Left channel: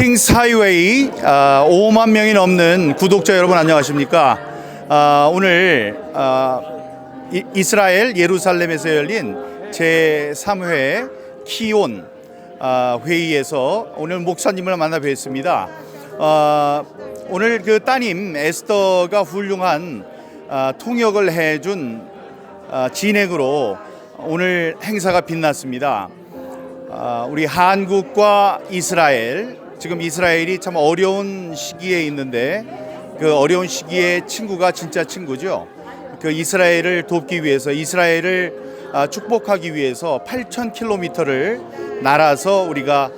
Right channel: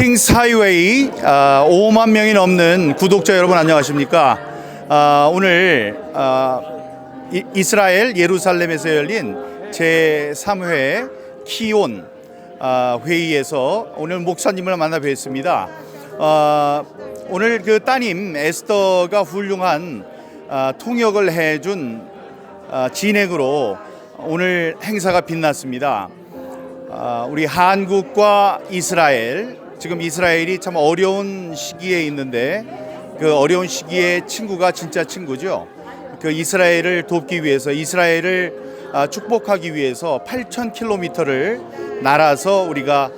킹스 하이웨이 5만 명이 넘는 구독자 여러분 안녕하십니까? 오늘 이스라엘 예루살렘에서 열린 제3회 키온 회의에서 오늘 목사님을 만나 뵙습니다. 오늘 그 따님 에스더가 훌륭한 통역을 해준 진행으로 오늘 행사가 빛났습니다. 우리 한국과 이스라엘, 지금 이스라엘이 참 어려운 시기에 있는데 그 어려운 시기에 친구가 진짜 친구죠. 그 이스라엘을 돕기 위해서, 이스라엘을 축복하기 위해서 8,000km를 날아서 우리가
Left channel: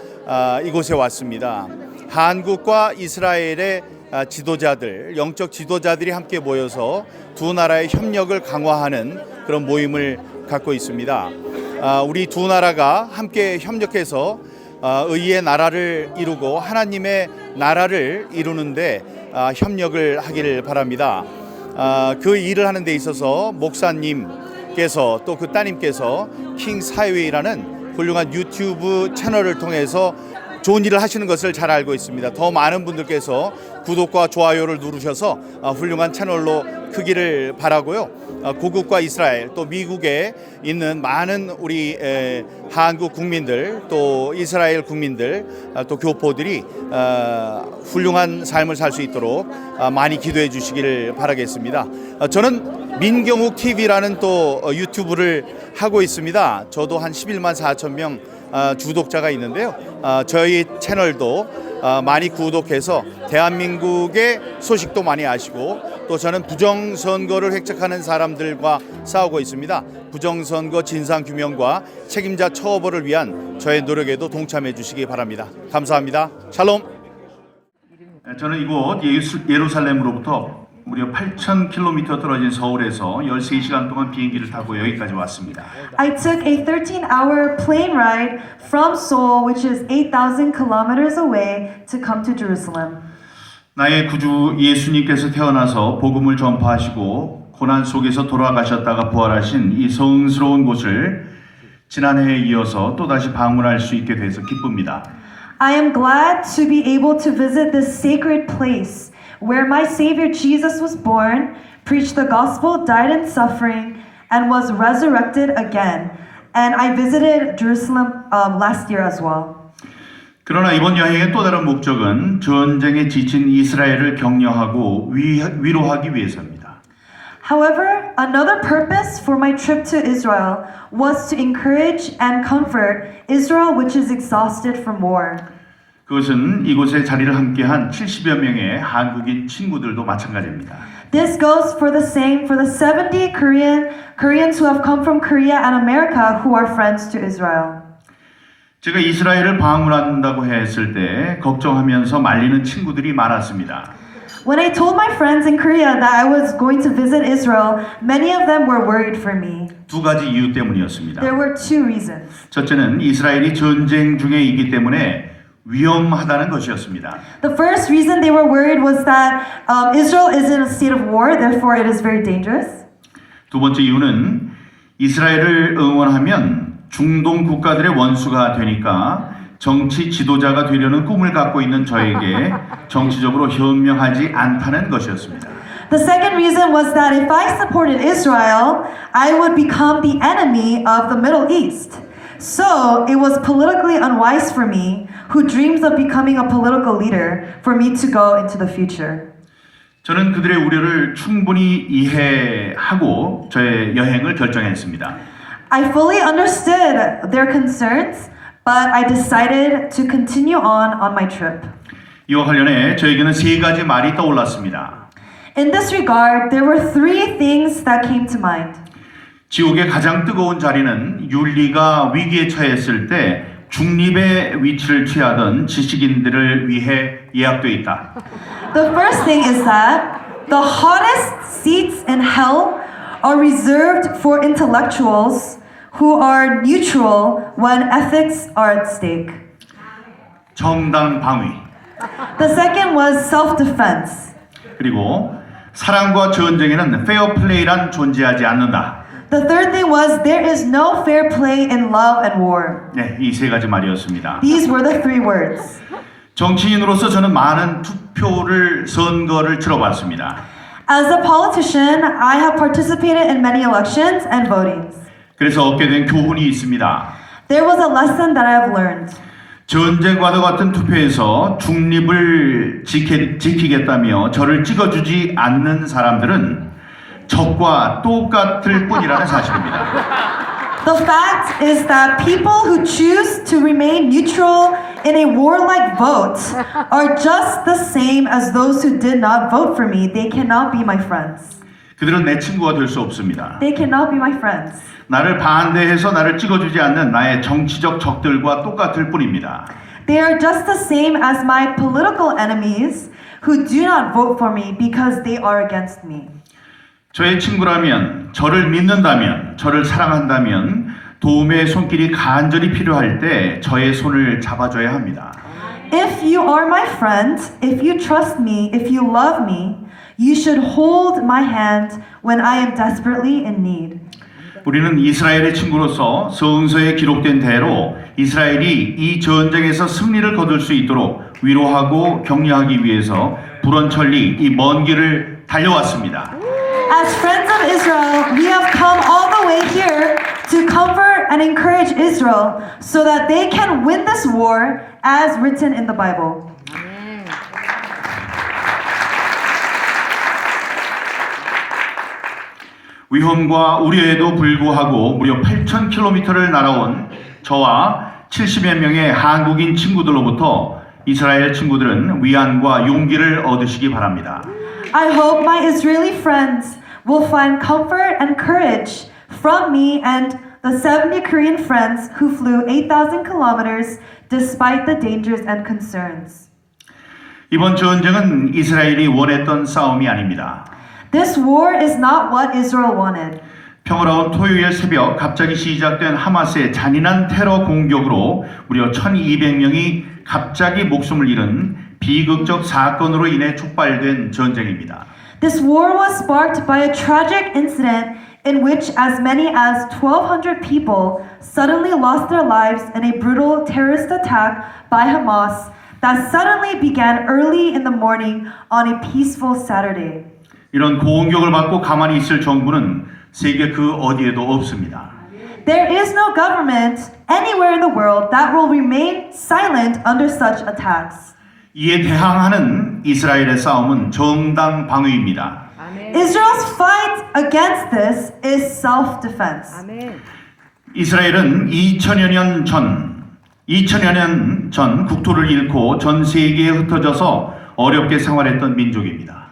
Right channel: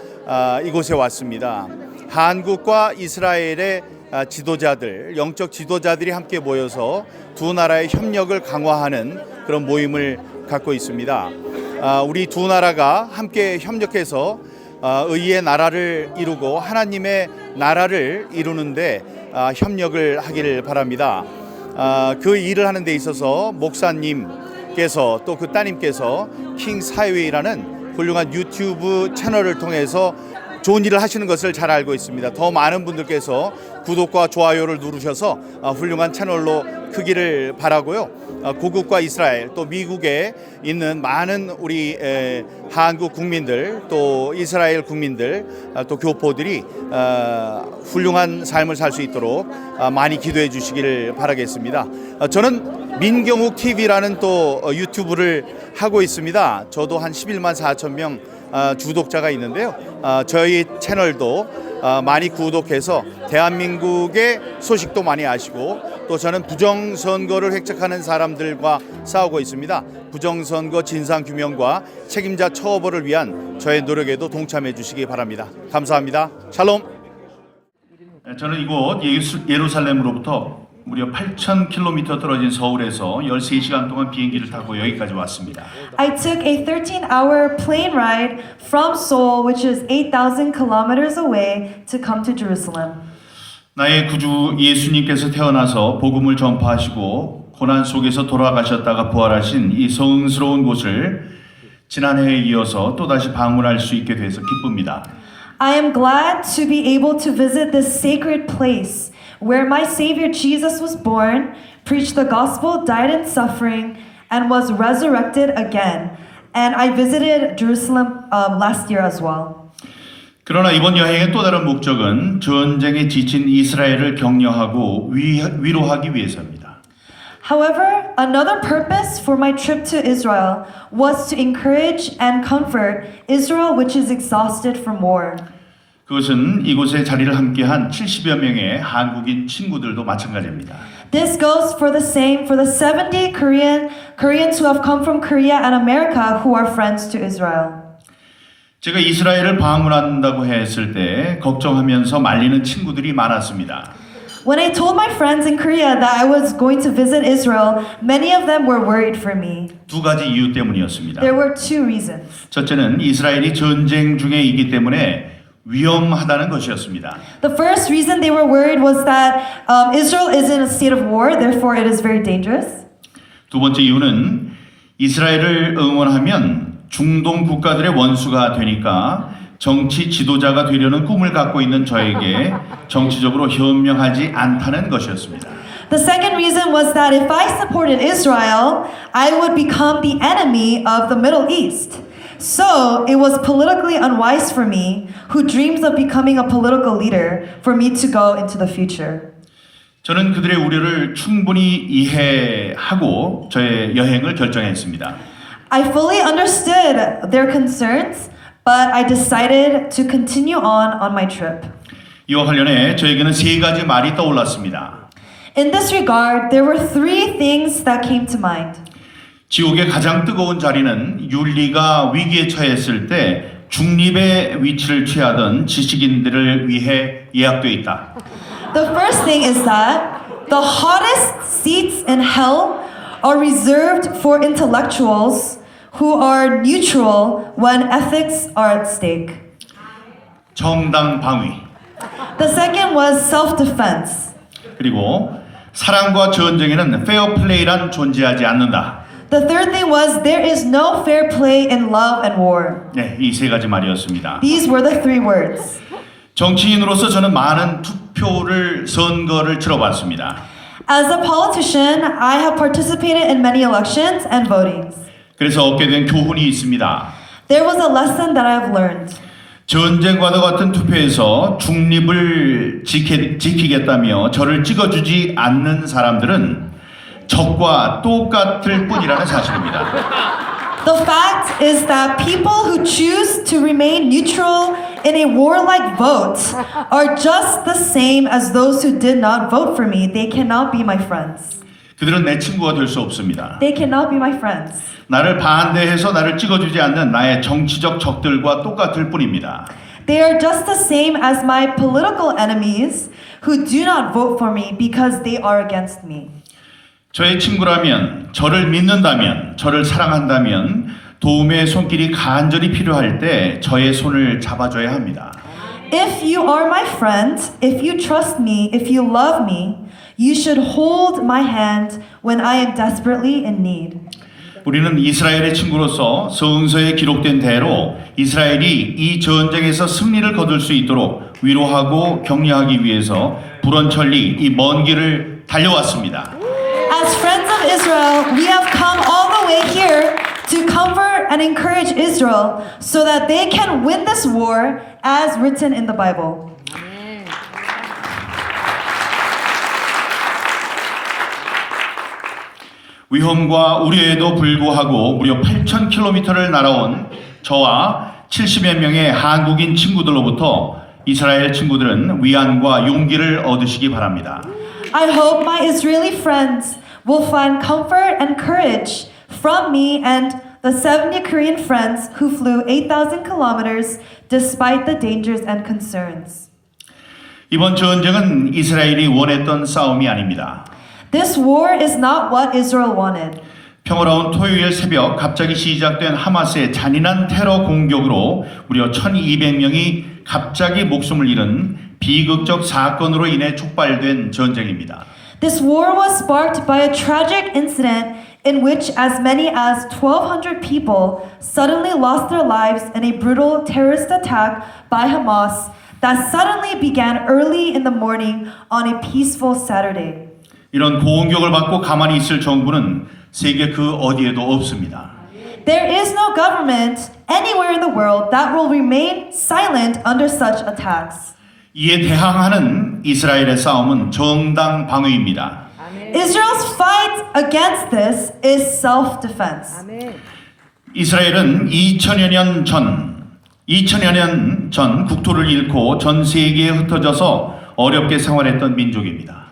이곳에 왔습니다. 한국과 이스라엘의 지도자들, 영적 지도자들이 함께 모여서 두 나라의 협력을 강화하는 그런 모임을 갖고 있습니다. 우리 두 나라가 함께 협력해서 의의 나라를 이루고 하나님의 나라를 이루는데 협력을 하기를 바랍니다. 그 일을 하는 데 있어서 목사님께서 또 그 따님께서 킹스 하이웨이라는 훌륭한 유튜브 채널을 통해서 좋은 일을 하시는 것을 잘 알고 있습니다. 더 많은 분들께서 구독과 좋아요를 누르셔서 훌륭한 채널로 크기를 바라고요. 고국과 이스라엘 또 미국에 있는 많은 우리 한국 국민들 또 이스라엘 국민들 또 교포들이 훌륭한 삶을 살 수 있도록 많이 기도해 주시기를 바라겠습니다. 저는 민경욱 TV라는 또 유튜브를 하고 있습니다. 저도 한 11만 4천 명 구독자가 있는데요. 저희 채널도 많이 구독해서 대한민국의 소식도 많이 아시고 또 저는 부정선거를 획책하는 사람들과 싸우고 있습니다. 부정선거 진상규명과 책임자 처벌을 위한 저의 노력에도 동참해 주시기 바랍니다. 감사합니다. 샬롬. 저는 이곳 예루살렘으로부터 무려 8,000km 떨어진 서울에서 13시간 동안 비행기를 타고 여기까지 왔습니다. I took a 13-hour plane ride from Seoul, which is 8,000 kilometers away, to come to Jerusalem. 나의 구주 예수님께서 태어나서 복음을 전파하시고 고난 속에서 돌아가셨다가 부활하신 이 성스러운 곳을 지난해에 이어서 또다시 방문할 수 있게 돼서 기쁩니다. I am glad to be able to visit this sacred place where my Savior Jesus was born, preached the gospel, died in suffering, and was resurrected again. And I visited Jerusalem last year as well. 그러나 이번 여행의 또 다른 목적은 전쟁에 지친 이스라엘을 격려하고 위로하기 위해서입니다. However, another purpose for my trip to Israel was to encourage and comfort Israel, which is exhausted from war. 그것은 이곳에 자리를 함께한 70여 명의 한국인 친구들도 마찬가지입니다. This goes for the same for the 70 Koreans who have come from Korea and America who are friends to Israel. 제가 이스라엘을 방문한다고 했을 때 걱정하면서 말리는 친구들이 많았습니다. When I told my friends in Korea that I was going to visit Israel, many of them were worried for me. 두 가지 이유 때문이었습니다. There were two reasons. 첫째는 이스라엘이 전쟁 중에 있기 때문에 위험하다는 것이었습니다. The first reason they were worried was that Israel is in a state of war, therefore it is very dangerous. 두 번째 이유는 이스라엘을 응원하면 중동 국가들의 원수가 되니까 정치 지도자가 되려는 꿈을 갖고 있는 저에게 정치적으로 현명하지 않다는 것이었습니다. The second reason was that if I supported Israel, I would become the enemy of the Middle East. So it was politically unwise for me, who dreams of becoming a political leader, for me to go into the future. 저는 그들의 우려를 충분히 이해하고 저의 여행을 결정했습니다. I fully understood their concerns, but I decided to continue on my trip. 이와 관련해 저에게는 세 가지 말이 떠올랐습니다. In this regard, there were three things that came to mind. 지옥의 가장 뜨거운 자리는 윤리가 위기에 처했을 때 중립의 위치를 취하던 지식인들을 위해 예약되어 있다. The first thing is that the hottest seats in hell are reserved for intellectuals who are neutral when ethics are at stake. 정당 방위. The second was self-defense. 그리고 사랑과 전쟁에는 페어플레이란 존재하지 않는다. The third thing was there is no fair play in love and war. 네, 이 세 가지 말이었습니다. These were the three words. 정치인으로서 저는 많은 선거를 치러봤습니다. As a politician, I have participated in many elections and votings. 그래서 얻게 된 교훈이 있습니다. There was a lesson that I have learned. 전쟁과도 같은 투표에서 중립을 지키겠다며 저를 찍어주지 않는 사람들은 적과 똑같을 뿐이라는 사실입니다. The fact is that people who choose to remain neutral in a warlike vote are just the same as those who did not vote for me. They cannot be my friends. 그들은 내 친구가 될 수 없습니다. They cannot be my friends. 나를 반대해서 나를 찍어주지 않는 나의 정치적 적들과 똑같을 뿐입니다. They are just the same as my political enemies who do not vote for me because they are against me. 저의 친구라면, 저를 믿는다면, 저를 사랑한다면 도움의 손길이 간절히 필요할 때 저의 손을 잡아줘야 합니다. If you are my friend, if you trust me, if you love me, you should hold my hand when I am desperately in need. 우리는 이스라엘의 친구로서 성서에 기록된 대로 이스라엘이 이 전쟁에서 승리를 거둘 수 있도록 위로하고 격려하기 위해서 불원천리 이 먼 길을 달려왔습니다. As friends of Israel, we have come all the way here to comfort and encourage Israel so that they can win this war as written in the Bible. 위험과 우려에도 불구하고 무려 8,000km를 날아온 저와 70여 명의 한국인 친구들로부터 이스라엘 친구들은 위안과 용기를 얻으시기 바랍니다. I hope my Israeli friends will find comfort and courage from me and the 70 Korean friends who flew 8,000 kilometers despite the dangers and concerns. 이번 전쟁은 이스라엘이 원했던 싸움이 아닙니다. This war is not what Israel wanted. 평화로운 토요일 새벽 갑자기 시작된 하마스의 잔인한 테러 공격으로 무려 1,200명이 갑자기 목숨을 잃은 비극적 사건으로 인해 촉발된 전쟁입니다. This war was sparked by a tragic incident in which as many as 1,200 people suddenly lost their lives in a brutal terrorist attack by Hamas that suddenly began early in the morning on a peaceful Saturday. 이런 공격을 받고 가만히 있을 정부는 세계 그 어디에도 없습니다. There is no government anywhere in the world that will remain silent under such attacks. 이에 대항하는 이스라엘의 싸움은 정당 방위입니다. Israel's fight against this is self-defense. 이스라엘은 2000여 년 전 국토를 잃고 전 세계에 흩어져서 어렵게 생활했던 민족입니다.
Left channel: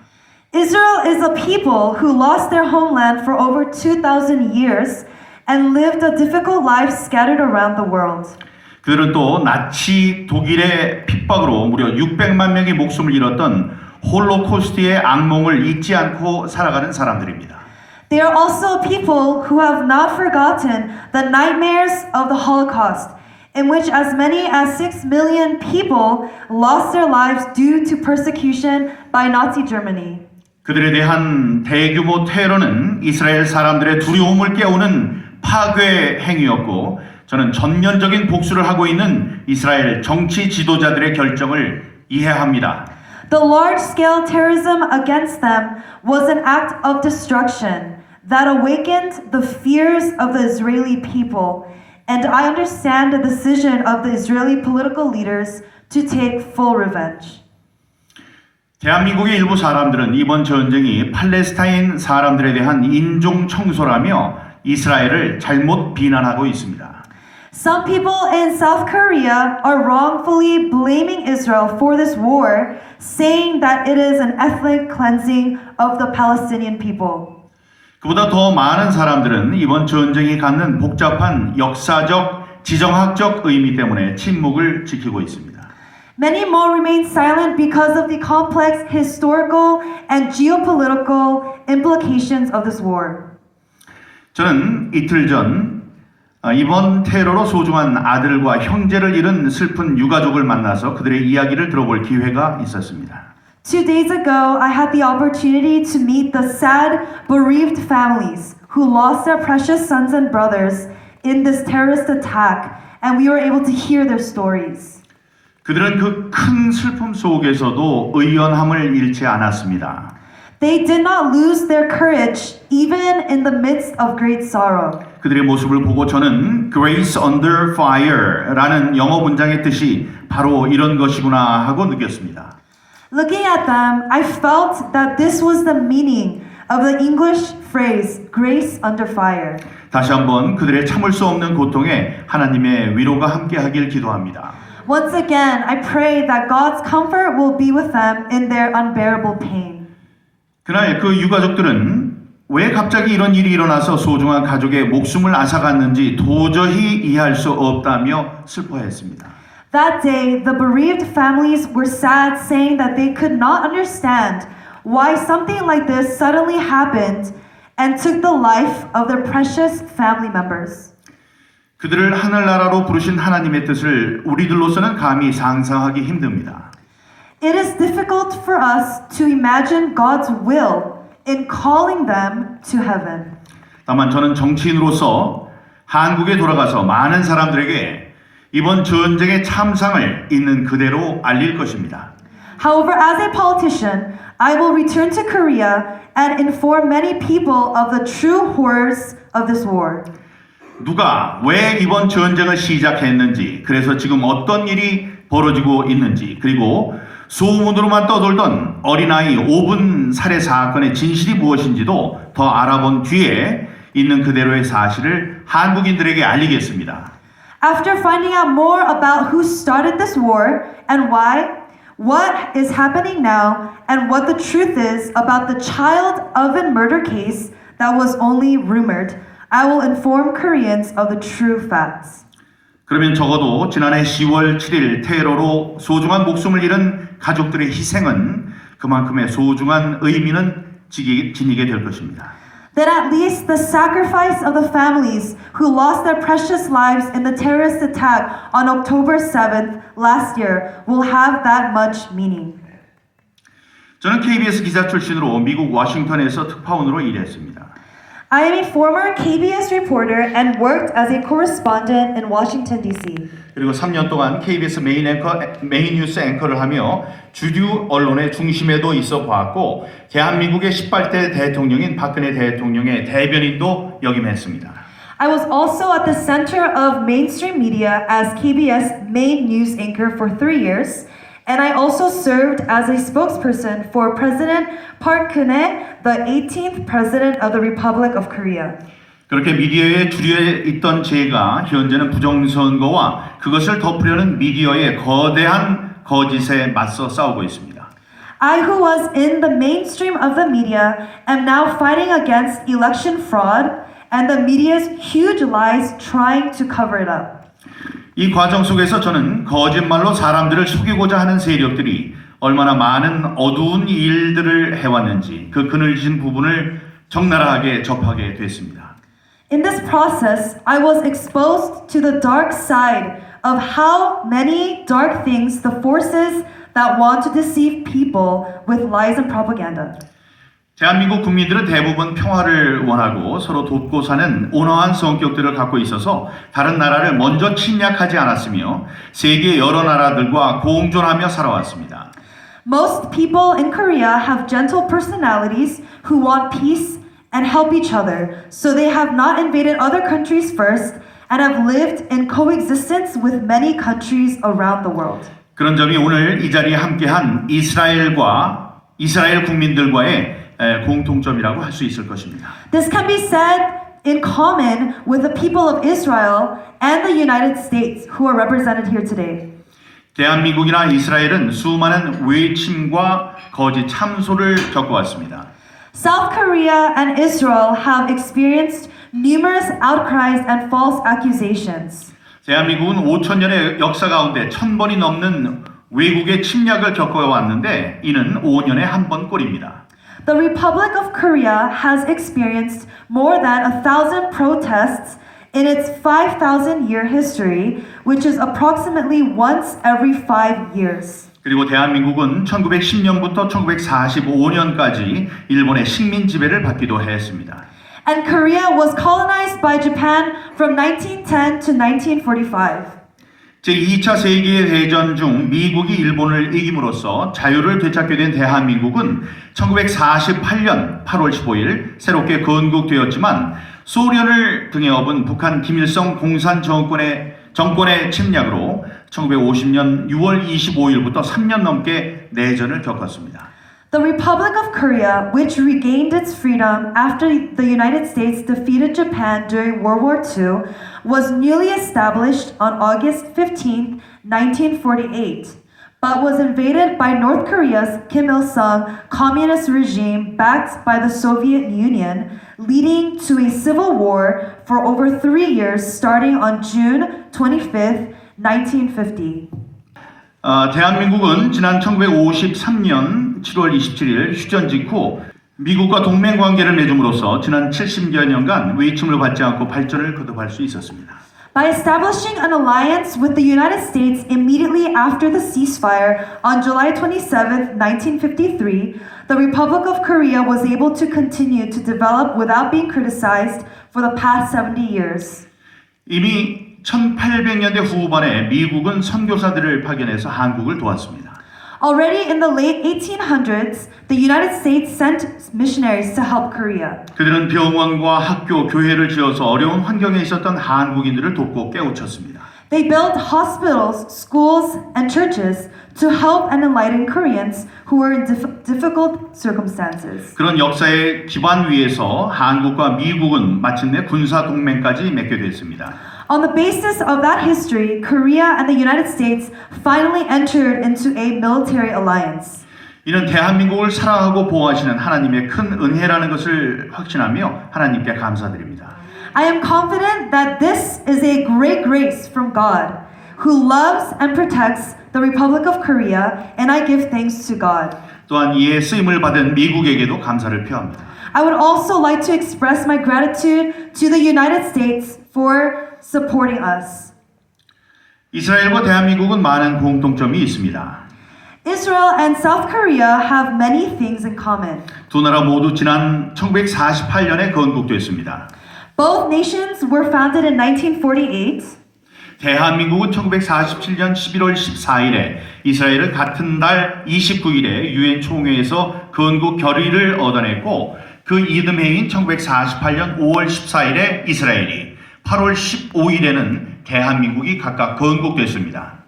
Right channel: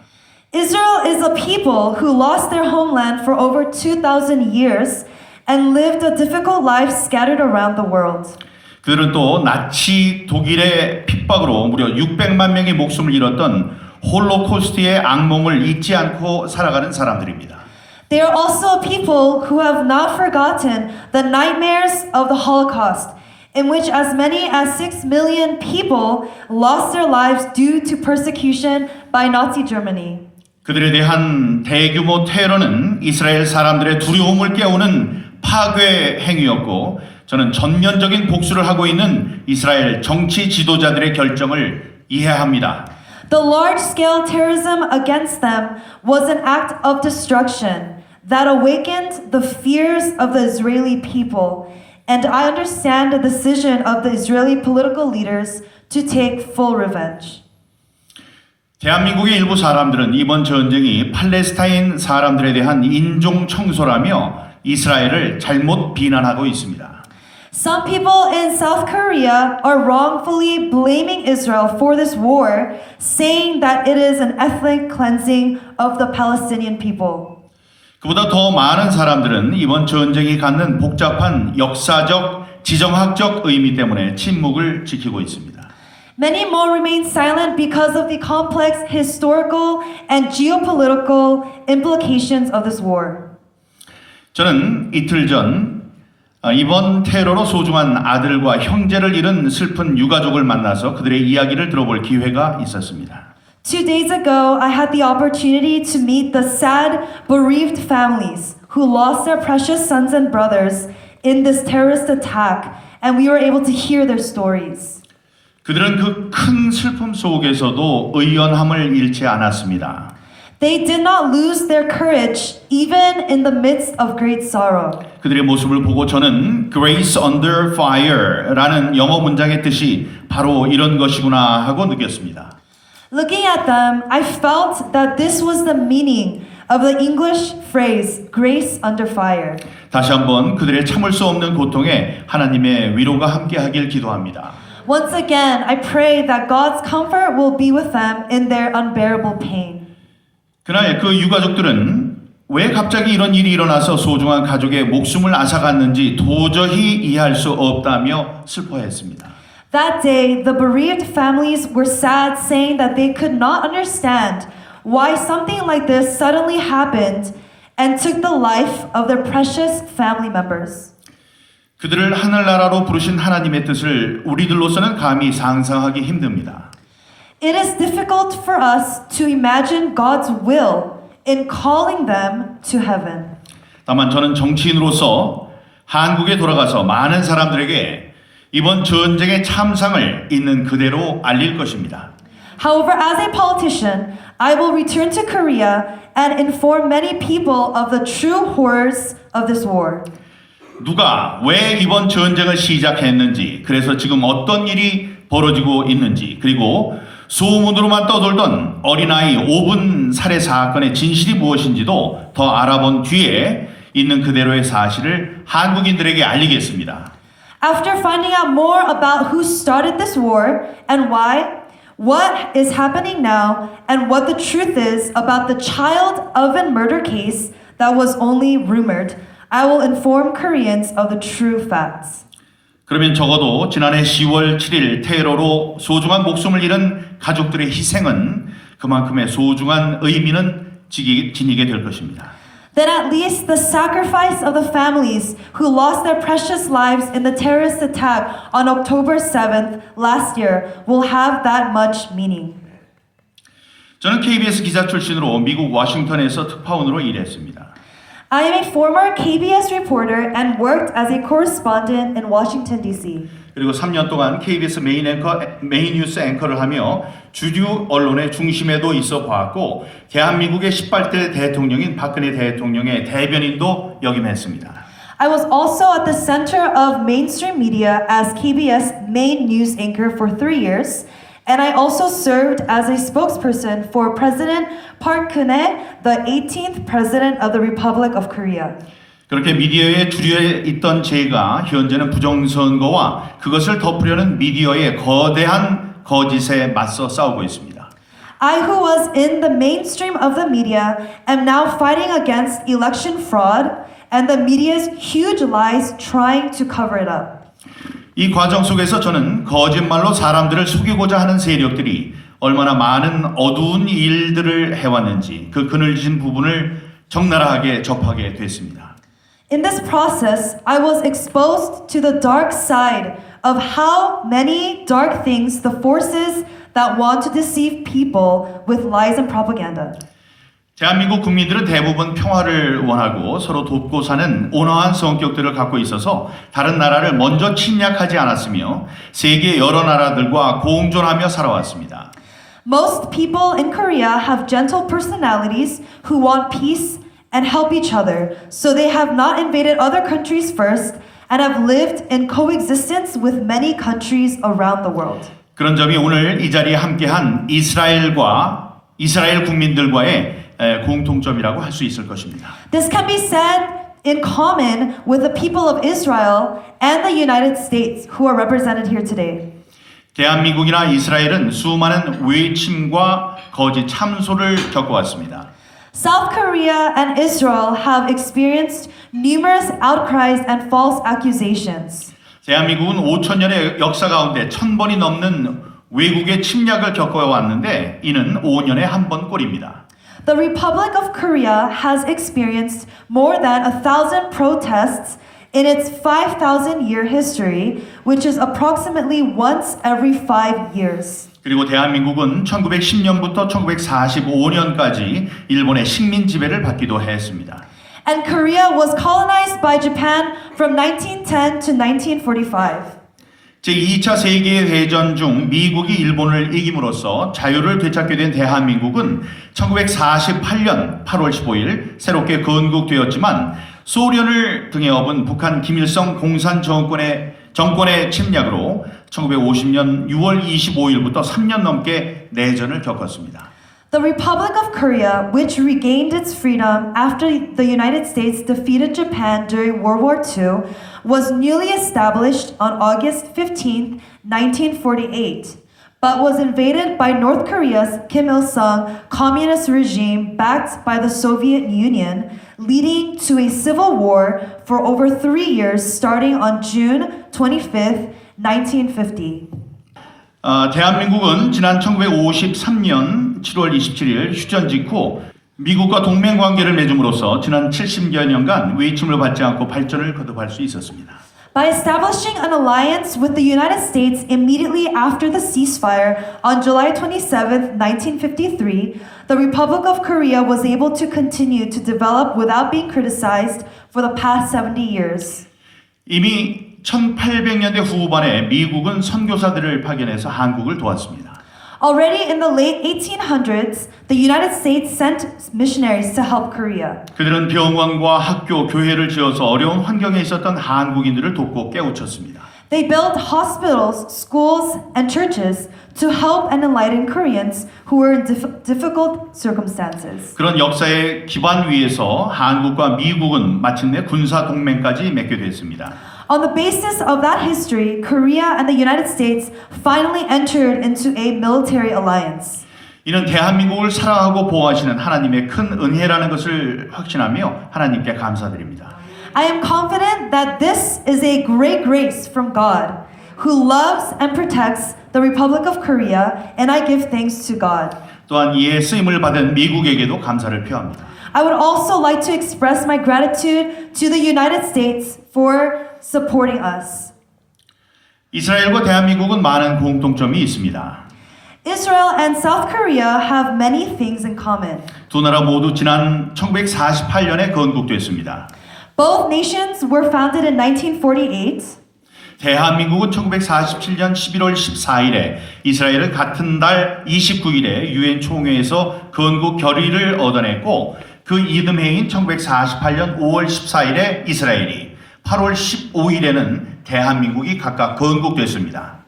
Israel is a people who lost their homeland for over 2,000 years and lived a difficult life scattered around the world. 그들은 또 나치 독일의 핍박으로 무려 600만 명의 목숨을 잃었던 홀로코스트의 악몽을 잊지 않고 살아가는 사람들입니다. They are also people who have not forgotten the nightmares of the Holocaust, in which as many as 6 million people lost their lives due to persecution by Nazi Germany. 그들에 대한 대규모 테러는 이스라엘 사람들의 두려움을 깨우는 파괴 행위였고 저는 전면적인 복수를 하고 있는 이스라엘 정치 지도자들의 결정을 이해합니다. The large-scale terrorism against them was an act of destruction that awakened the fears of the Israeli people, and I understand the decision of the Israeli political leaders to take full revenge. 대한민국의 일부 사람들은 이번 전쟁이 팔레스타인 사람들에 대한 인종 청소라며 이스라엘을 잘못 비난하고 있습니다. Some people in South Korea are wrongfully blaming Israel for this war, saying that it is an ethnic cleansing of the Palestinian people. 그보다 더 많은 사람들은 이번 전쟁이 갖는 복잡한 역사적, 지정학적 의미 때문에 침묵을 지키고 있습니다. Many more remain silent because of the complex historical and geopolitical implications of this war. 저는 이틀 전 이번 테러로 소중한 아들과 형제를 잃은 슬픈 유가족을 만나서 그들의 이야기를 들어볼 기회가 있었습니다. 2 days ago, I had the opportunity to meet the sad, bereaved families who lost their precious sons and brothers in this terrorist attack, and we were able to hear their stories. 그들은 그 큰 슬픔 속에서도 의연함을 잃지 않았습니다. They did not lose their courage even in the midst of great sorrow. 그들의 모습을 보고 저는 Grace Under Fire라는 영어 문장의 뜻이 바로 이런 것이구나 하고 느꼈습니다. Looking at them, I felt that this was the meaning of the English phrase grace under fire. 다시 한번 그들의 참을 수 없는 고통에 하나님의 위로가 함께하길 기도합니다. Once again, I pray that God's comfort will be with them in their unbearable pain. 그날 그 유가족들은 왜 갑자기 이런 일이 일어나서 소중한 가족의 목숨을 앗아갔는지 도저히 이해할 수 없다며 슬퍼했습니다. That day, the bereaved families were sad, saying that they could not understand why something like this suddenly happened and took the life of their precious family members. 그들을 하늘나라로 부르신 하나님의 뜻을 우리들로서는 감히 상상하기 힘듭니다. It is difficult for us to imagine God's will in calling them to heaven. 다만 저는 정치인으로서 한국에 돌아가서 많은 사람들에게 이번 전쟁의 참상을 있는 그대로 알릴 것입니다. However, as a politician, I will return to Korea and inform many people of the true horrors of this war. 누가 왜 이번 전쟁을 시작했는지, 그래서 지금 어떤 일이 벌어지고 있는지, 그리고 소문으로만 떠돌던 어린아이 5분 살해 사건의 진실이 무엇인지도 더 알아본 뒤에 있는 그대로의 사실을 한국인들에게 알리겠습니다. After finding out more about who started this war and why, what is happening now, and what the truth is about the child oven murder case that was only rumored, I will inform Koreans of the true facts. 그러면 적어도 지난해 10월 7일 테러로 소중한 목숨을 잃은 가족들의 희생은 그만큼의 소중한 의미는 지니게 될 것입니다. Then at least the sacrifice of the families who lost their precious lives in the terrorist attack on October 7th last year will have that much meaning. 저는 KBS 기자 출신으로 미국 워싱턴에서 특파원으로 일했습니다. I am a former KBS reporter and worked as a correspondent in Washington, D.C. 그리고 3년 동안 KBS 메인 뉴스 앵커를 하며 주류 언론의 중심에도 있어 보았고 대한민국의 18대 대통령인 박근혜 대통령의 대변인도 역임했습니다. I was also at the center of mainstream media as KBS main news anchor for 3 years, and I also served as a spokesperson for President Park Geun-hye, the 18th President of the Republic of Korea. 그렇게 미디어의 주류에 있던 제가 현재는 부정선거와 그것을 덮으려는 미디어의 거대한 거짓에 맞서 싸우고 있습니다. I, who was in the mainstream of the media, am now fighting against election fraud and the media's huge lies trying to cover it up. 이 과정 속에서 저는 거짓말로 사람들을 속이고자 하는 세력들이 얼마나 많은 어두운 일들을 해왔는지 그 그늘진 부분을 적나라하게 접하게 됐습니다. In this process, I was exposed to the dark side of how many dark things the forces that want to deceive people with lies and propaganda. 대한민국 국민들은 대부분 평화를 원하고 서로 돕고 사는 온화한 성격들을 갖고 있어서 다른 나라를 먼저 침략하지 않았으며 세계 여러 나라들과 공존하며 살아왔습니다. Most people in Korea have gentle personalities who want peace and help each other, so they have not invaded other countries first and have lived in coexistence with many countries around the world. 그런 점이 오늘 이 자리에 함께한 이스라엘 국민들과의 공통점이라고 할 수 있을 것입니다. This can be said in common with the people of Israel and the United States who are represented here today. 대한민국이나 이스라엘은 수많은 외침과 거짓 참소를 겪어왔습니다. South Korea and Israel have experienced numerous outcries and false accusations. 대한민국은 5,000년의 역사 가운데 1,000번이 넘는 외국의 침략을 겪어왔는데 이는 5년에 한 번 꼴입니다. The Republic of Korea has experienced more than 1,000 protests in its 5,000-year history, which is approximately once every 5 years. 그리고 대한민국은 1910년부터 1945년까지 일본의 식민 지배를 받기도 했습니다. And Korea was colonized by Japan from 1910 to 1945. 제2차 세계대전 중 미국이 일본을 이김으로써 자유를 되찾게 된 대한민국은 1948년 8월 15일 새롭게 건국되었지만 소련을 등에 업은 북한 김일성 공산 정권의 침략으로 1950년 6월 25일부터 3년 넘게 내전을 겪었습니다. The Republic of Korea, which regained its freedom after the United States defeated Japan during World War II, was newly established on August 15, 1948, but was invaded by North Korea's Kim Il-sung communist regime backed by the Soviet Union, leading to a civil war for over 3 years starting on June 25, 1950. 대한민국은 지난 1953년 7월 27일 휴전 직후 미국과 동맹 관계를 맺음으로써 지난 70여 년간 외침을 받지 않고 발전을 거듭할 수 있었습니다. By establishing an alliance with the United States immediately after the ceasefire on July 27, 1953, the Republic of Korea was able to continue to develop without being criticized for the past 70 years. 이미 1800년대 후반에 미국은 선교사들을 파견해서 한국을 도왔습니다. Already in the late 1800s, the United States sent missionaries to help Korea. 그들은 병원과 학교, 교회를 지어서 어려운 환경에 있었던 한국인들을 돕고 깨우쳤습니다. They built hospitals, schools, and churches to help and enlighten Koreans who were in difficult circumstances. 그런 역사의 기반 위에서 한국과 미국은 마침내 군사 동맹까지 맺게 됐습니다. On the basis of that history, Korea and the United States finally entered into a military alliance. 이는 대한민국을 사랑하고 보호하시는 하나님의 큰 은혜라는 것을 확신하며 하나님께 감사드립니다. I am confident that this is a great grace from God, who loves and protects the Republic of Korea, and I give thanks to God. 또한 이에 쓰임을 받은 미국에게도 감사를 표합니다. I would also like to express my gratitude to the United States for supporting us. 이스라엘과 대한민국은 많은 공통점이 있습니다. Israel and South Korea have many things in common. 두 나라 모두 지난 1948년에 건국됐습니다. Both nations were founded in 1948. 대한민국은 1947년 11월 14일에 이스라엘을 같은 달 29일에 유엔 총회에서 건국 결의를 얻어냈고 그 이듬해인 1948년 5월 14일에 이스라엘이 8월 15일에는 대한민국이 각각 건국됐습니다.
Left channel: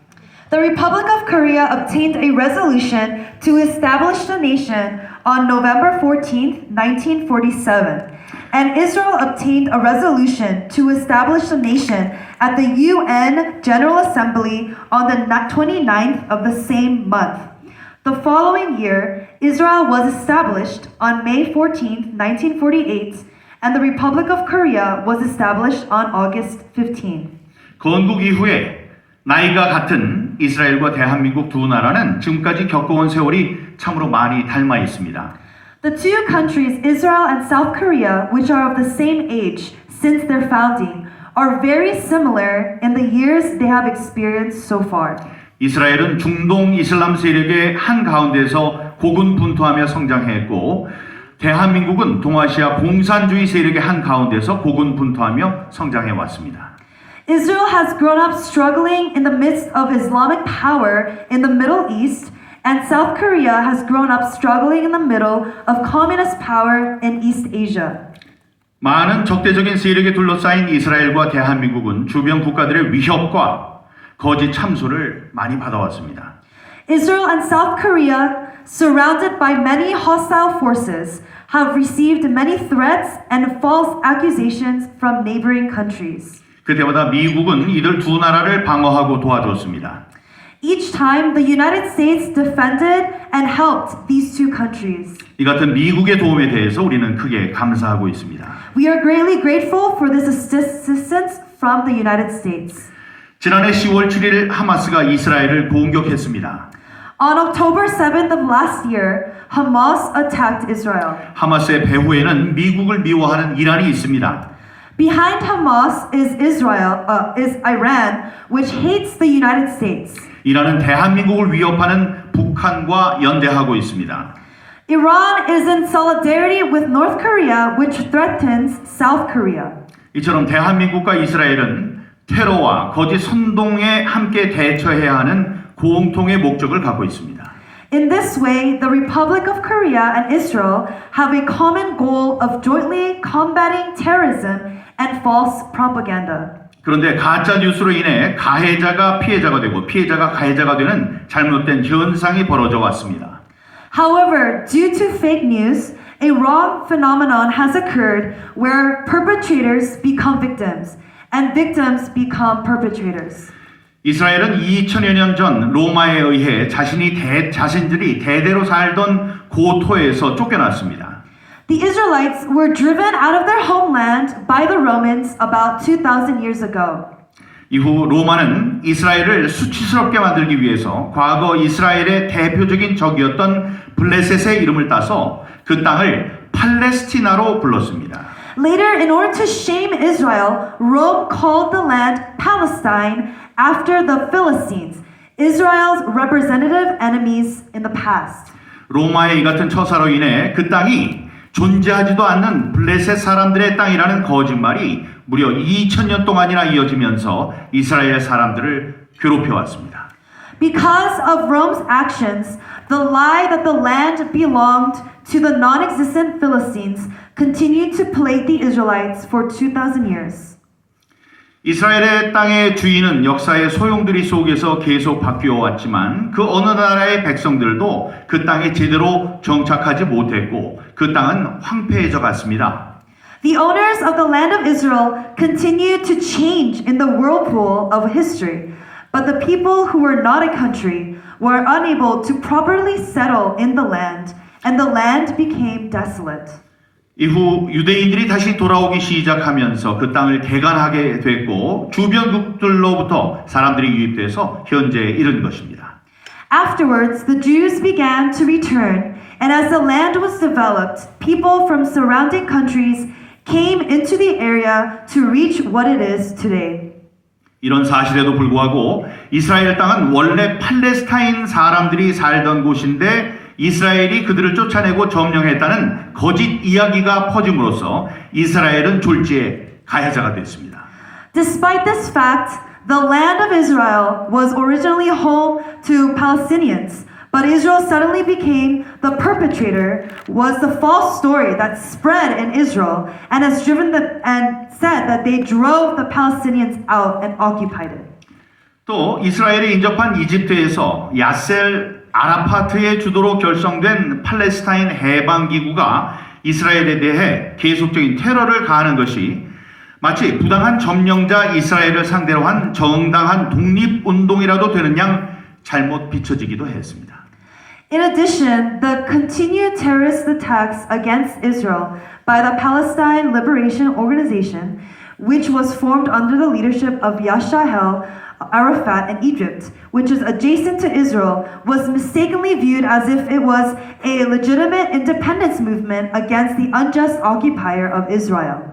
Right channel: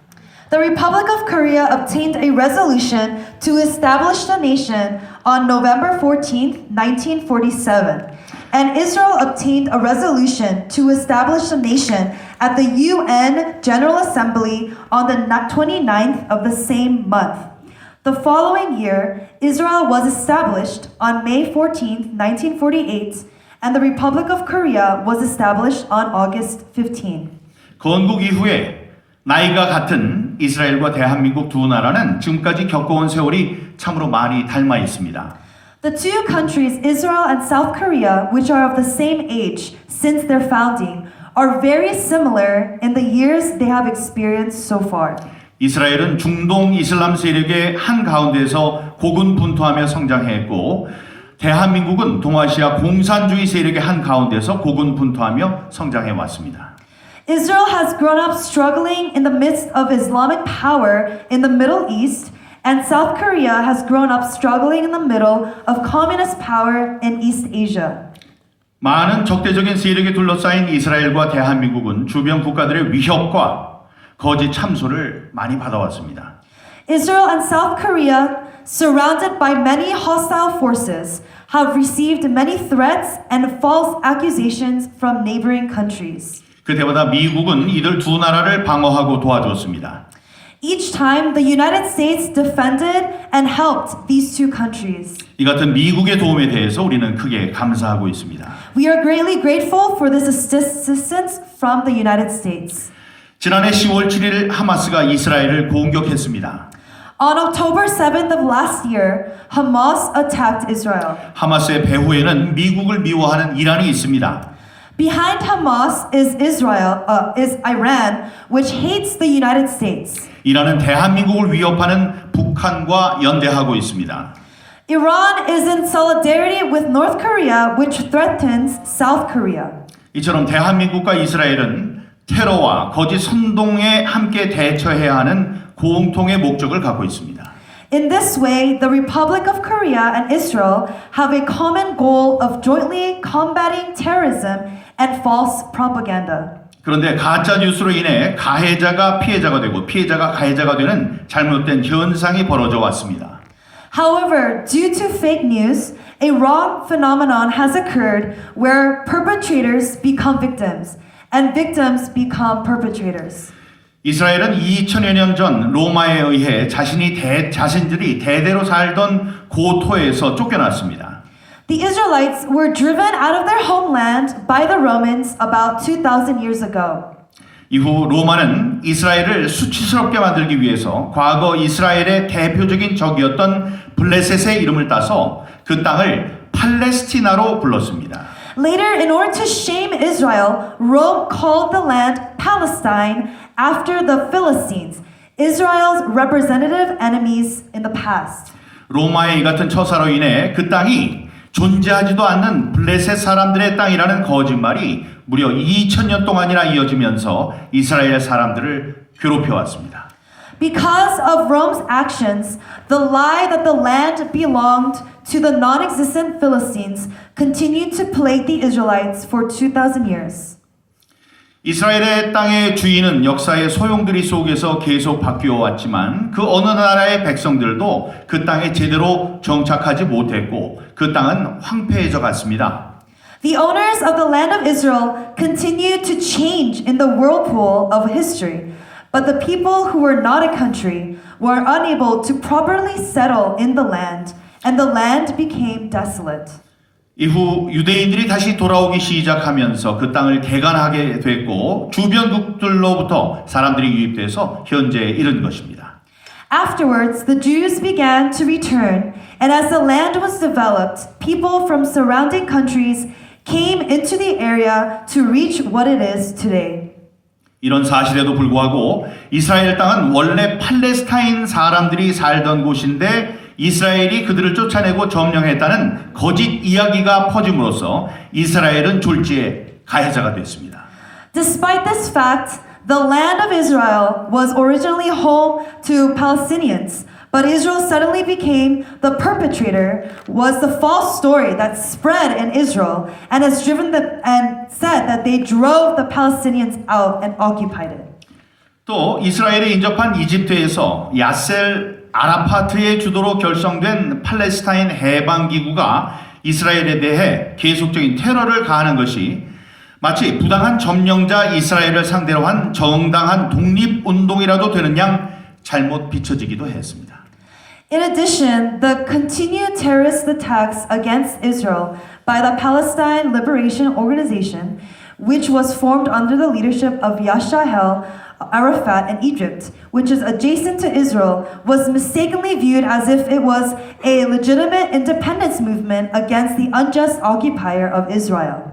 The Republic of Korea obtained a resolution to establish the nation on November 14, 1947, and Israel obtained a resolution to establish the nation at the UN General Assembly on the 29th of the same month. The following year, Israel was established on May 14, 1948, and the Republic of Korea was established on August 15. 건국 이후에 나이가 같은 이스라엘과 대한민국 두 나라는 지금까지 겪어온 세월이 참으로 많이 닮아 있습니다. The two countries, Israel and South Korea, which are of the same age since their founding, are very similar in the years they have experienced so far. 이스라엘은 중동 이슬람 세력의 한 가운데서 고군분투하며 성장했고 대한민국은 동아시아 공산주의 세력의 한 가운데서 고군분투하며 성장해 왔습니다. Israel has grown up struggling in the midst of Islamic power in the Middle East, and South Korea has grown up struggling in the middle of communist power in East Asia. 많은 적대적인 세력에 둘러싸인 이스라엘과 대한민국은 주변 국가들의 위협과 거짓 참소를 많이 받아왔습니다. Israel and South Korea, surrounded by many hostile forces, have received many threats and false accusations from neighboring countries. 그때마다 미국은 이들 두 나라를 방어하고 도와줬습니다. Each time, the United States defended and helped these two countries. 이 같은 미국의 도움에 대해서 우리는 크게 감사하고 있습니다. We are greatly grateful for this assistance from the United States. 지난해 10월 7일 하마스가 이스라엘을 공격했습니다. On October 7th of last year, Hamas attacked Israel. 하마스의 배후에는 미국을 미워하는 이란이 있습니다. Behind Hamas is Iran, which hates the United States. 이란은 대한민국을 위협하는 북한과 연대하고 있습니다. Iran is in solidarity with North Korea, which threatens South Korea. 이처럼 대한민국과 이스라엘은 테러와 거짓 선동에 함께 대처해야 하는 공통의 목적을 갖고 있습니다. In this way, the Republic of Korea and Israel have a common goal of jointly combating terrorism and false propaganda. 그런데 가짜 뉴스로 인해 가해자가 피해자가 되고 피해자가 가해자가 되는 잘못된 현상이 벌어져 왔습니다. However, due to fake news, a wrong phenomenon has occurred where perpetrators become victims and victims become perpetrators. 이스라엘은 2000여 년 전 로마에 의해 자신들이 대대로 살던 고토에서 쫓겨났습니다. The Israelites were driven out of their homeland by the Romans about 2,000 years ago. 이후 로마는 이스라엘을 수치스럽게 만들기 위해서 과거 이스라엘의 대표적인 적이었던 블레셋의 이름을 따서 그 땅을 팔레스티나로 불렀습니다. Later, in order to shame Israel, Rome called the land Palestine after the Philistines, Israel's representative enemies in the past. 로마의 이 같은 처사로 인해 그 땅이 존재하지도 않는 블레셋 사람들의 땅이라는 거짓말이 무려 2000년 동안이나 이어지면서 이스라엘 사람들을 괴롭혀왔습니다. Because of Rome's actions, the lie that the land belonged to the non-existent Philistines continued to plague the Israelites for 2,000 years. 이스라엘의 땅의 주인은 역사의 소용돌이 속에서 계속 바뀌어 왔지만 그 어느 나라의 백성들도 그 땅에 제대로 정착하지 못했고 그 땅은 황폐해져 갔습니다. The owners of the land of Israel continued to change in the whirlpool of history, but the people who were not a country were unable to properly settle in the land, and the land became desolate. 이후 유대인들이 다시 돌아오기 시작하면서 그 땅을 개간하게 됐고 주변국들로부터 사람들이 유입돼서 현재에 이른 것입니다. Afterwards, the Jews began to return, and as the land was developed, people from surrounding countries came into the area to reach what it is today. 이런 사실에도 불구하고 이스라엘 땅은 원래 팔레스타인 사람들이 살던 곳인데 이스라엘이 그들을 쫓아내고 점령했다는 거짓 이야기가 퍼짐으로써 이스라엘은 졸지에 가해자가 됐습니다. Despite this fact, the land of Israel was originally home to Palestinians, but Israel suddenly became the perpetrator was the false story that spread in Israel and has driven and said that they drove the Palestinians out and occupied it. 또 이스라엘에 인접한 이집트에서 야셀 아라파트의 주도로 결성된 팔레스타인 해방기구가 이스라엘에 대해 계속적인 테러를 가하는 것이 마치 부당한 점령자 이스라엘을 상대로 한 정당한 독립운동이라도 되는 양 잘못 비춰지기도 했습니다. In addition, the continued terrorist attacks against Israel by the Palestine Liberation Organization, which was formed under the leadership of Yasser Arafat in Egypt, which is adjacent to Israel, was mistakenly viewed as if it was a legitimate independence movement against the unjust occupier of Israel.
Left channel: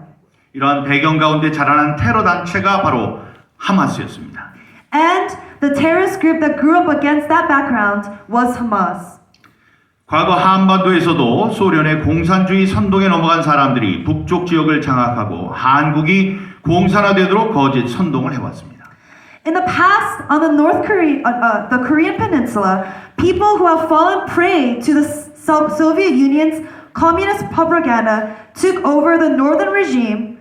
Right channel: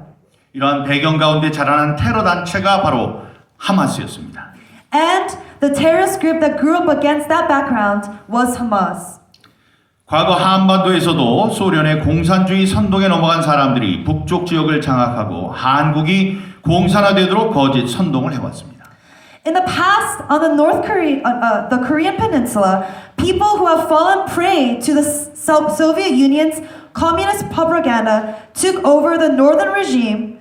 이러한 배경 가운데 자라난 테러 단체가 바로 하마스였습니다. And the terrorist group that grew up against that background was Hamas. 과거 한반도에서도 소련의 공산주의 선동에 넘어간 사람들이 북쪽 지역을 장악하고 한국이 공산화되도록 거짓 선동을 해왔습니다. In the past, on the Korean Peninsula, people who have fallen prey to the Soviet Union's communist propaganda took over the northern region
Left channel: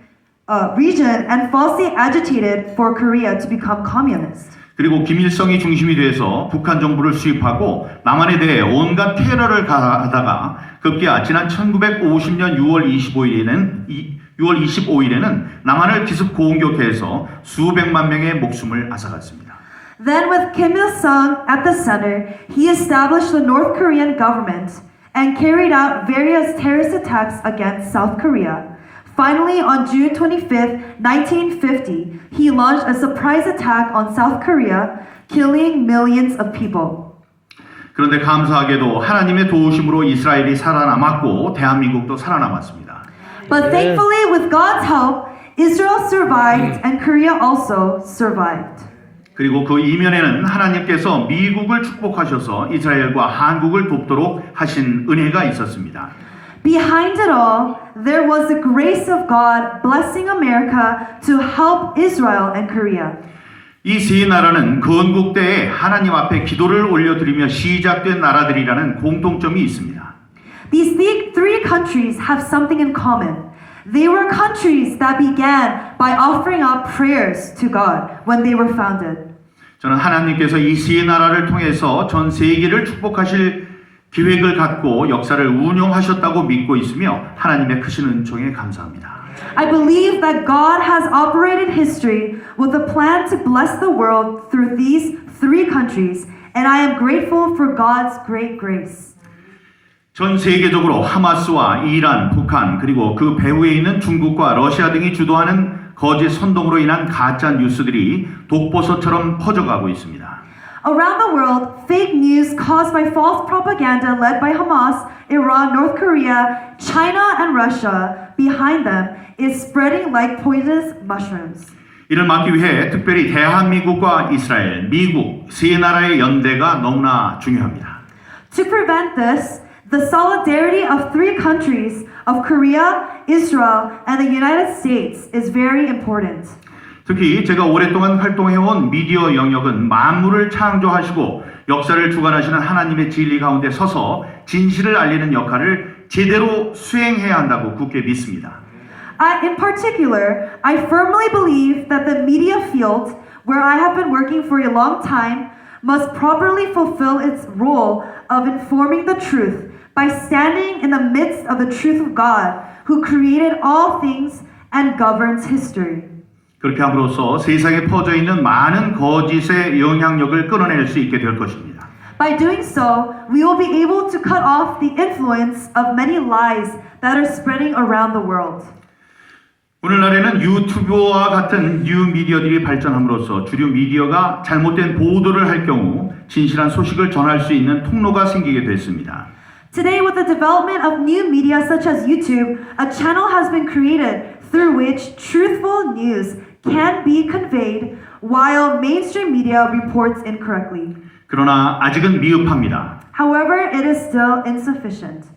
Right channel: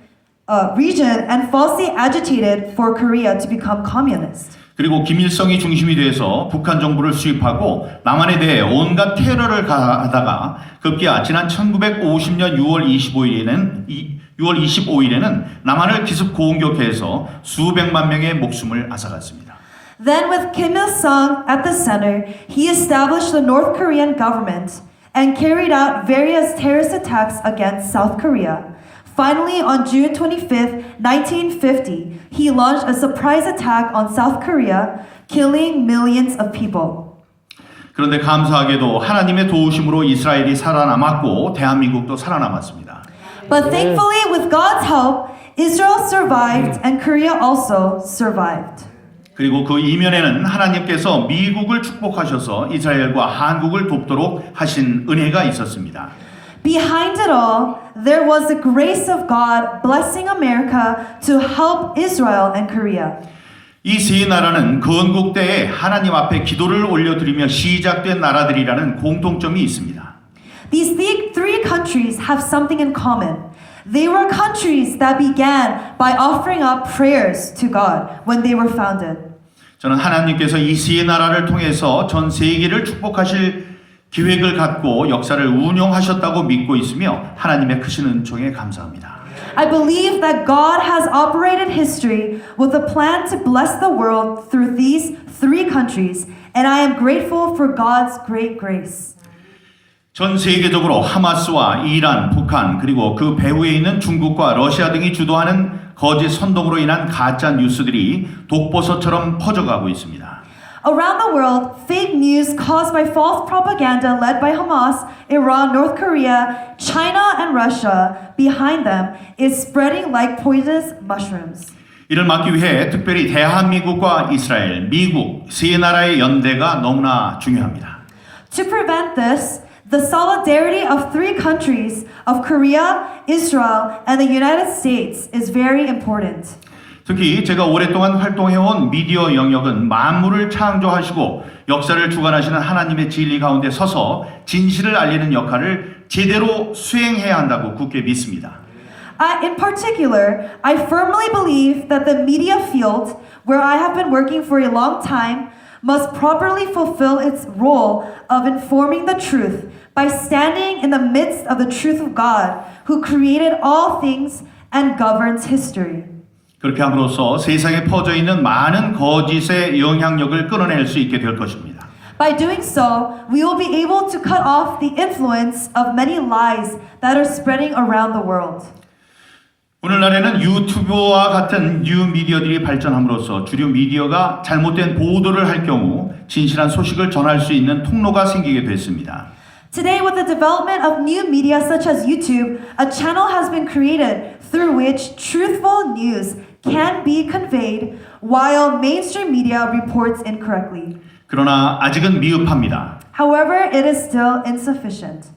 and falsely agitated for Korea to become communist. 그리고 김일성이 중심이 돼서 북한 정부를 수입하고 남한에 대해 온갖 테러를 가하다가 급기야 지난 1950년 6월 25일에는 남한을 기습 공격해서 수백만 명의 목숨을 앗아갔습니다. Then with Kim Il-sung at the center, he established the North Korean government and carried out various terrorist attacks against South Korea. Finally, on June 25, 1950, he launched a surprise attack on South Korea, killing millions of people. 그런데 감사하게도 하나님의 도우심으로 이스라엘이 살아남았고 대한민국도 살아남았습니다. But thankfully, with God's help, Israel survived and Korea also survived. 그리고 그 이면에는 하나님께서 미국을 축복하셔서 이스라엘과 한국을 돕도록 하신 은혜가 있었습니다. Behind it all, there was the grace of God blessing America to help Israel and Korea. 이 세 나라는 건국 때에 하나님 앞에 기도를 올려드리며 시작된 나라들이라는 공통점이 있습니다. These three countries have something in common. They were countries that began by offering up prayers to God when they were founded. 저는 하나님께서 이 세 나라를 통해서 전 세계를 축복하실 계획을 갖고 역사를 운영하셨다고 믿고 있으며 하나님의 크신 은총에 감사합니다. I believe that God has operated history with a plan to bless the world through these three countries, and I am grateful for God's great grace. 전 세계적으로 하마스와 이란, 북한 그리고 그 배후에 있는 중국과 러시아 등이 주도하는 거짓 선동으로 인한 가짜 뉴스들이 독버섯처럼 퍼져가고 있습니다. Around the world, fake news caused by false propaganda led by Hamas, Iran, North Korea, China, and Russia behind them is spreading like poisonous mushrooms. 이를 막기 위해 특별히 대한민국과 이스라엘, 미국 세 나라의 연대가 너무나 중요합니다. To prevent this, the solidarity of three countries of Korea, Israel, and the United States is very important. 특히 제가 오랫동안 활동해온 미디어 영역은 만물을 창조하시고 역사를 주관하시는 하나님의 진리 가운데 서서 진실을 알리는 역할을 제대로 수행해야 한다고 굳게 믿습니다. In particular, I firmly believe that the media field, where I have been working for a long time, must properly fulfill its role of informing the truth by standing in the midst of the truth of God, who created all things and governs history. 그렇게 함으로써 세상에 퍼져 있는 많은 거짓의 영향력을 끊어낼 수 있게 될 것입니다. By doing so, we will be able to cut off the influence of many lies that are spreading around the world. 오늘날에는 유튜브와 같은 뉴 미디어들이 발전함으로써 주류 미디어가 잘못된 보도를 할 경우 진실한 소식을 전할 수 있는 통로가 생기게 됐습니다. Today, with the development of new media such as YouTube, a channel has been created through which truthful news can be conveyed while mainstream media reports incorrectly. 그러나 아직은 미흡합니다. However, it is still insufficient.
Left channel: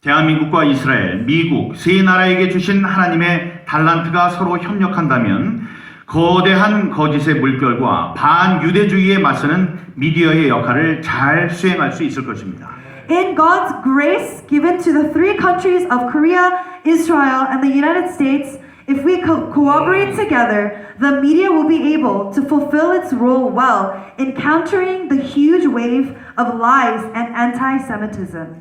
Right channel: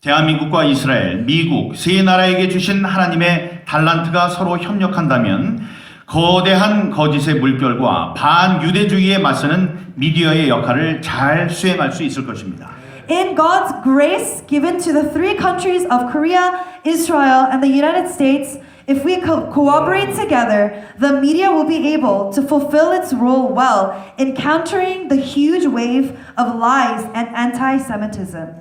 대한민국과 이스라엘, 미국 세 나라에게 주신 하나님의 달란트가 서로 협력한다면 거대한 거짓의 물결과 반유대주의에 맞서는 미디어의 역할을 잘 수행할 수 있을 것입니다. In God's grace given to the three countries of Korea, Israel, and the United States, if we cooperate together, the media will be able to fulfill its role well in countering the huge wave of lies and anti-Semitism.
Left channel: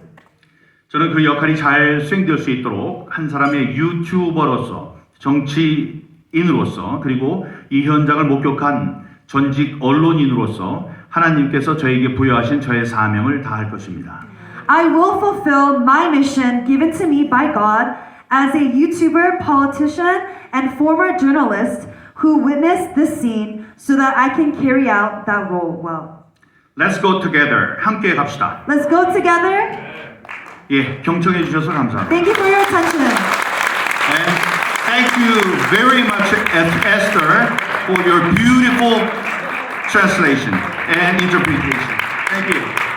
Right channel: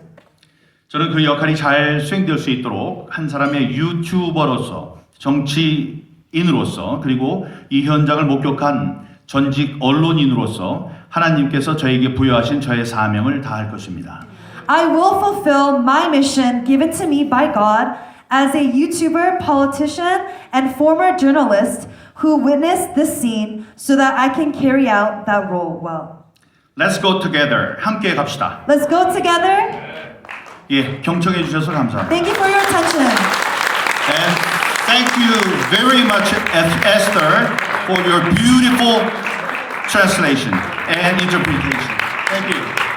저는 그 역할이 잘 수행될 수 있도록 한 사람의 유튜버로서, 정치인으로서, 그리고 이 현장을 목격한 전직 언론인으로서 하나님께서 저에게 부여하신 저의 사명을 다할 것입니다. I will fulfill my mission given to me by God as a YouTuber, politician, and former journalist who witnessed this scene so that I can carry out that role well. Let's go together. 함께 갑시다. Let's go together. 예, 경청해 주셔서 감사합니다. Thank you for your attention. And thank you very much, Esther, for your beautiful translation and interpretation. Thank you.